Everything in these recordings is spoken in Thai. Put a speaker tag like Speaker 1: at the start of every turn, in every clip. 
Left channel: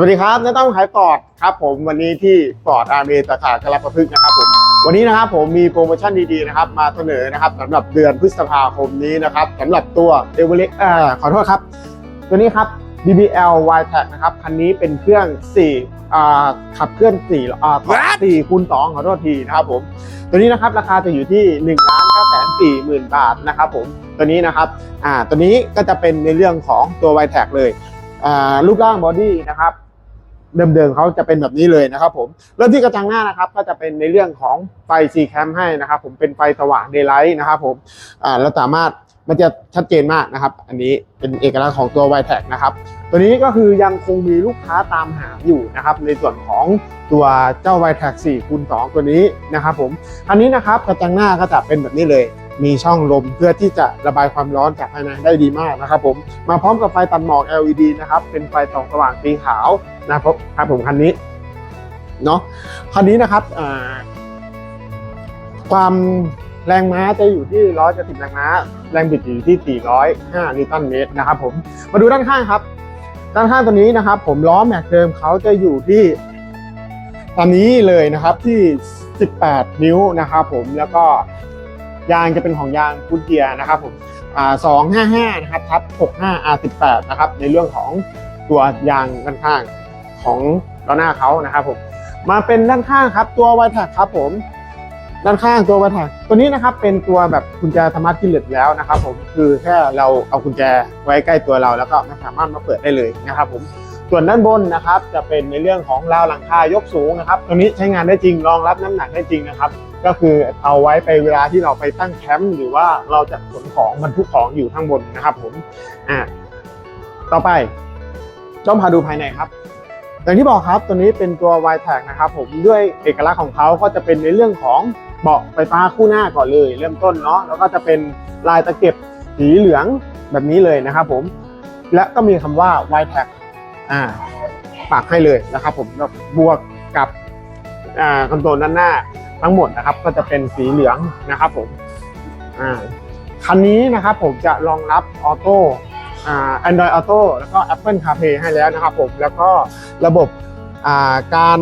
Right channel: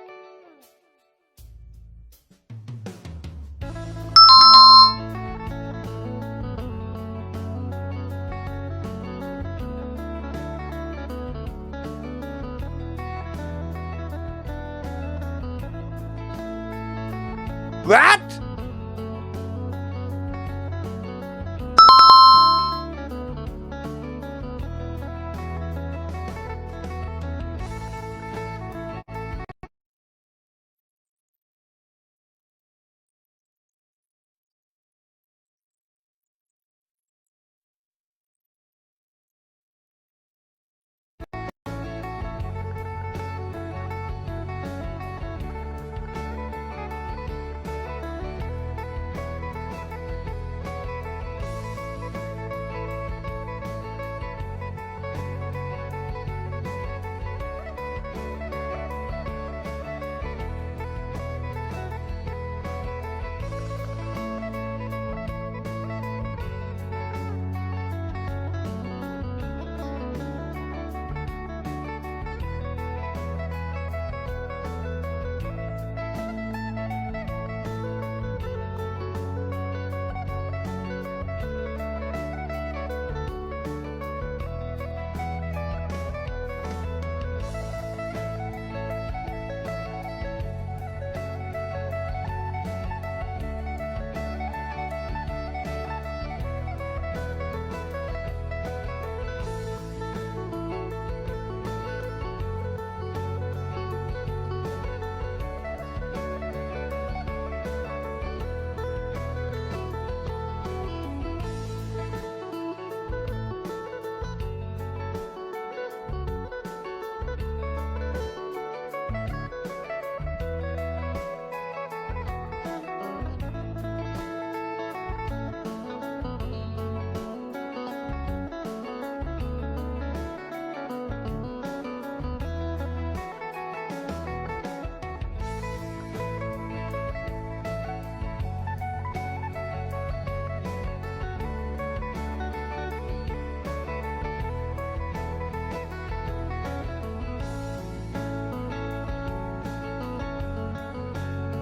Speaker 1: สวัสดีครับน้าต้องขายฟอร์ดครับผมวันนี้ที่ฟอร์ดอาร์เมสาขากระประพฤกษ์นะครับผมวันนี้นะครับผมมีโปรโมชั่นดีๆนะครับมาเสนอนะครับสำหรับเดือนพฤษภาคมนี้นะครับสำหรับตัวเดวเล็กเอ่อขอโทษครับ ตัวนี้ครับ DBL y t a c นะครับคันนี้เป็นเครื่อง4อ่าขับเคลื่อน4อ่า
Speaker 2: What?
Speaker 1: 4คูณ2ขอโทษทีนะครับผมตัวนี้นะครับราคาจะอยู่ที่1นึ่งล้านเก้าแสนสี่หมื่นบาทนะครับผมตัวนี้นะครับอ่าตัวนี้ก็จะเป็นในเรื่องของตัว y t a c เลยอ่ารูปร่างบอดี้นะครับ เดิมๆเขาจะเป็นแบบนี้เลยนะครับผมเริ่มที่กระจังหน้านะครับก็จะเป็นในเรื่องของไฟ C cam ให้นะครับผมเป็นไฟสว่าง daylight นะครับผมอ่าเราสามารถมันจะชัดเจนมากนะครับ อันนี้เป็นเอกลักษณ์ของตัว y t a c นะครับ ตัวนี้ก็คือยังคงมีลูกค้าตามหาอยู่นะครับ ในส่วนของตัวเจ้า y t a c 4คูณ2ตัวนี้นะครับผม อันนี้นะครับกระจังหน้าก็จะเป็นแบบนี้เลย มีช่องลมเพื่อที่จะระบายความร้อนจากภายในได้ดีมากนะครับผมมาพร้อมกับไฟตัดหมอก LED นะครับเป็นไฟส่องสว่างสีขาวนะครับครับผมคันนี้เนาะคันนี้นะครับความแรงม้าจะอยู่ที่170แรงม้า แรงบิดอยู่ที่ 405 นิวตันเมตรนะครับผมมาดูด้านข้างครับ ด้านข้างตัวนี้นะครับ ผมล้อแม็กเดิมเขาจะอยู่ที่ตอนนี้เลยนะครับที่ 18 นิ้วนะครับผมแล้วก็ ยางจะเป็นของยางพุนเกียนะครับผมสอ่า255นะครับทับ65 R18 นะครับในเรื่องของตัวยางด้านข้างของล้อหน้าเขานะครับผมมาเป็นด้านข้างครับตัวไวท์แท็กครับผมด้านข้างตัวไวท์แท็กตัวนี้นะครับเป็นตัวแบบกุญแจธรรมะที่เหลือแล้วนะครับผมคือแค่เราเอากุญแจไว้ใกล้ตัวเราแล้วก็สามารถมาเปิดได้เลยนะครับผม ส่วนด้านบนนะครับจะเป็นในเรื่องของราวหลังคายกสูงนะครับตัวนี้ใช้งานได้จริงรองรับน้ำหนักได้จริงนะครับ ก็คือเอาไว้ไปเวลาที่เราไปตั้งแคมป์หรือว่าเราจะขนของบรรทุกของอยู่ข้างบนนะครับผมอ่าต่อไปจ้องพาดูภายในครับอย่างที่บอกครับตัวนี้เป็นตัว y t a g นะครับผมด้วยเอกลักษณ์ของเขาก็จะเป็นในเรื่องของเบาะไฟฟ้าคู่หน้าก่อนเลย เริ่มต้นเนาะแล้วก็จะเป็นลายตะเก็บสีเหลืองแบบนี้เลยนะครับผมและก็มีคำว่า y t a g อ่าปากให้เลยนะครับผมแล้วบวกกับอ่าคอนโซลด้านหน้าทั้งหมดนะครับ ก็จะเป็นสีเหลืองนะครับผมอ่าคันนี้นะครับผมจะรองรับออโต้อ่า Android Auto แล้วก็ Apple CarPlay ให้แล้วนะครับผมแล้วก็ระบบอ่าการ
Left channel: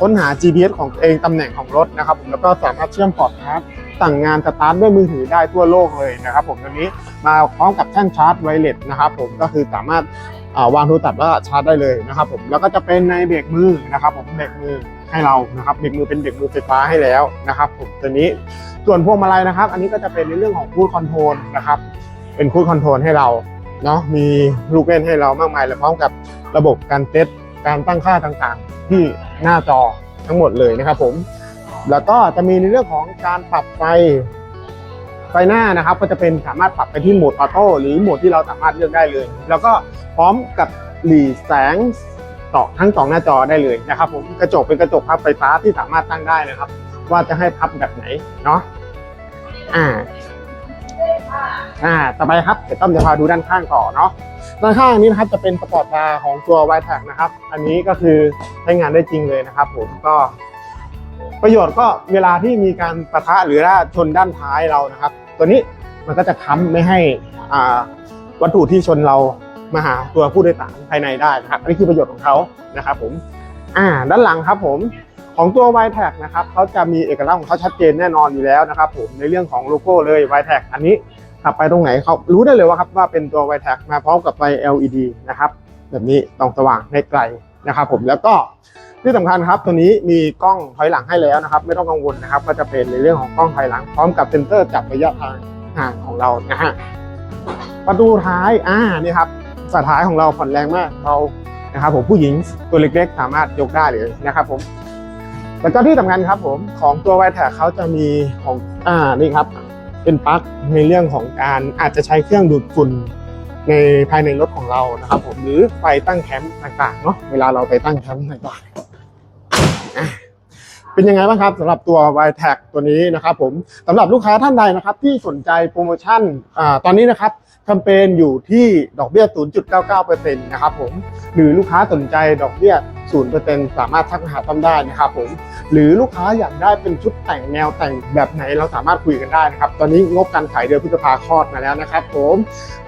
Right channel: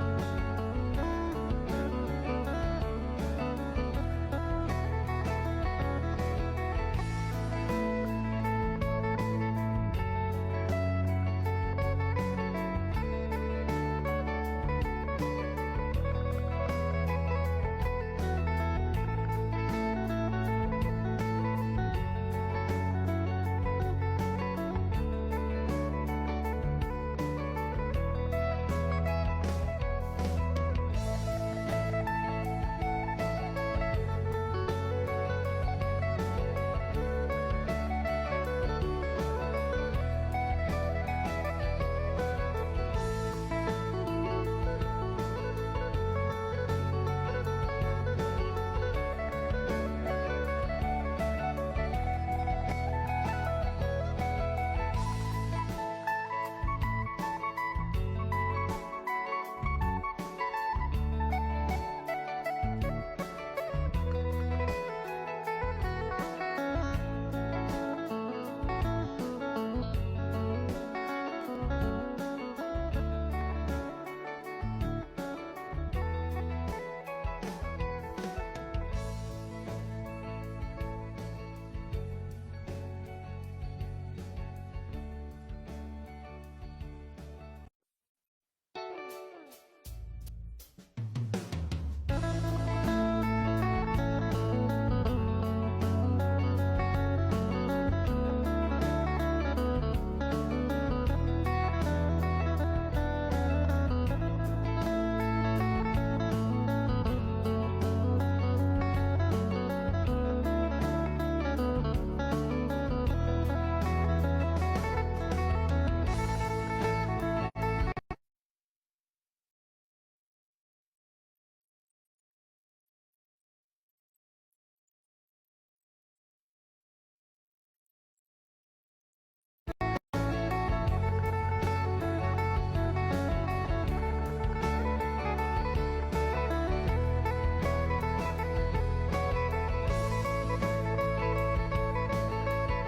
Speaker 1: ค้นหา GPS ของเองตำแหน่งของรถนะครับแล้วก็สามารถเชื่อมพอร์ตชาร์จสั่งงานสตาร์ทด้วยมือถือได้ทั่วโลกเลยนะครับผมตัวนี้มาพร้อมกับแท่นชาร์จไวเลสนะครับผมก็คือสามารถ วางโทรศัพท์แล้วก็ชาร์จได้เลยนะครับผมแล้วก็จะเป็นในเบรกมือนะครับผมเบรกมือให้เรานะครับเบรกมือเป็นเบรกมือไฟฟ้าให้แล้วนะครับผมตัวนี้ส่วนพวงมาลัยนะครับ อันนี้ก็จะเป็นในเรื่องของพูดคอนโทรลนะครับเป็นพูดคอนโทรลให้เราเนาะมีลูกเล่นให้เรามากมายเลยพร้อมกับระบบการเซตการตั้งค่าต่างๆ ที่หน้าจอทั้งหมดเลยนะครับผมแล้วก็จะมีในเรื่องของการปรับไฟ ไฟหน้านะครับก็จะเป็นสามารถปรับไปที่โหมดออโต้หรือโหมดที่เราสามารถเลือกได้เลย แล้วก็พร้อมกับหลีแสงต่อทั้งสองหน้าจอได้เลยนะครับผมกระจกเป็นกระจกพับไฟฟ้าที่สามารถตั้งได้นะครับ ว่าจะให้พับแบบไหนเนาะอ่าอ่าต่อไปครับเดี๋ยวต้อมจะพาดูด้านข้างต่อเนาะด้านข้างนี้นะครับจะเป็นสปอร์ตบาของตัว y t a g นะครับ อันนี้ก็คือใช้งานได้จริงเลยนะครับ ผมก็ประโยชน์ก็เวลาที่มีการประทะหรือว่าชนด้านท้ายเรานะครับ ตัวนี้มันก็จะค้ำไม่ให้อ่าวัตถุที่ชนเรามาหาตัวผู้โดยสารภายในได้นะครับอันนี้คือประโยชน์ของเขานะครับผมอ่าด้านหลังครับผมของตัว y t a g นะครับเขาจะมีเอกลักษณ์ของเขาชัดเจนแน่นอนอยู่แล้วนะครับผมในเรื่องของโลโก้เลย y t a g อันนี้ขับไปตรงไหนเขารู้ได้เลยว่าครับว่าเป็นตัว y t a g มาพร้อมกับไฟ LED นะครับแบบนี้ส่องสว่างในไกลนะครับผมแล้วก็ ที่สำคัญครับตัวนี้มีกล้องถอยหลังให้แล้วนะครับ ไม่ต้องกังวลนะครับ ก็จะเป็นในเรื่องของกล้องถอยหลัง พร้อมกับเซ็นเซอร์จับระยะทางห่างของเรานะฮะประตูท้ายอ่านี่ครับฝาท้ายของเราผ่อนแรงมากเรานะครับผมผู้หญิงตัวเล็กๆ สามารถยกได้เลยนะครับผมแล้วก็ที่สำคัญครับผมของตัวไวแท็กเขาจะมีของอ่านี่ครับเป็นปลั๊กในเรื่องของการอาจจะใช้เครื่องดูดฝุ่นในภายในรถของเรานะครับผมหรือไฟตั้งแคมป์ต่างๆเนาะเวลาเราไปตั้งแคมป์ต่างๆ เป็นยังไงบ้างครับสำหรับตัว y t a g ตัวนี้นะครับผมสำหรับลูกค้าท่านใดนะครับที่สนใจโปรโมชั่นอ่าตอนนี้นะครับแคมเปญอยู่ที่ดอกเบี้ย 0.99%นะครับผมหรือลูกค้าสนใจดอกเบี้ย 0%สามารถทักหาต้อมได้นะครับผมหรือลูกค้าอยากได้เป็นชุดแต่งแนวแต่งแบบไหนเราสามารถคุยกันได้นะครับตอนนี้งบการขายเดือนพฤษภาคลอดมาแล้วนะครับผม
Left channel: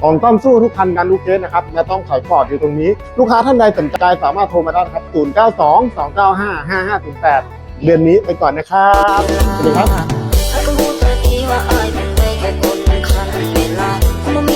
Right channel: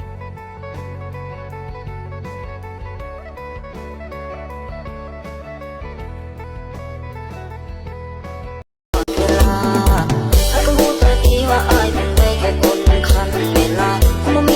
Speaker 1: ของต้อมสู้ทุกคันกันลูกเคสนะครับและต้องขายปอดอยู่ตรงนี้ ลูกค้าท่านใดสนใจสามารถโทรมาได้ครับ 0 9 2 2 9 5 5 5 0 8 เดือนนี้ไปก่อนนะครับไ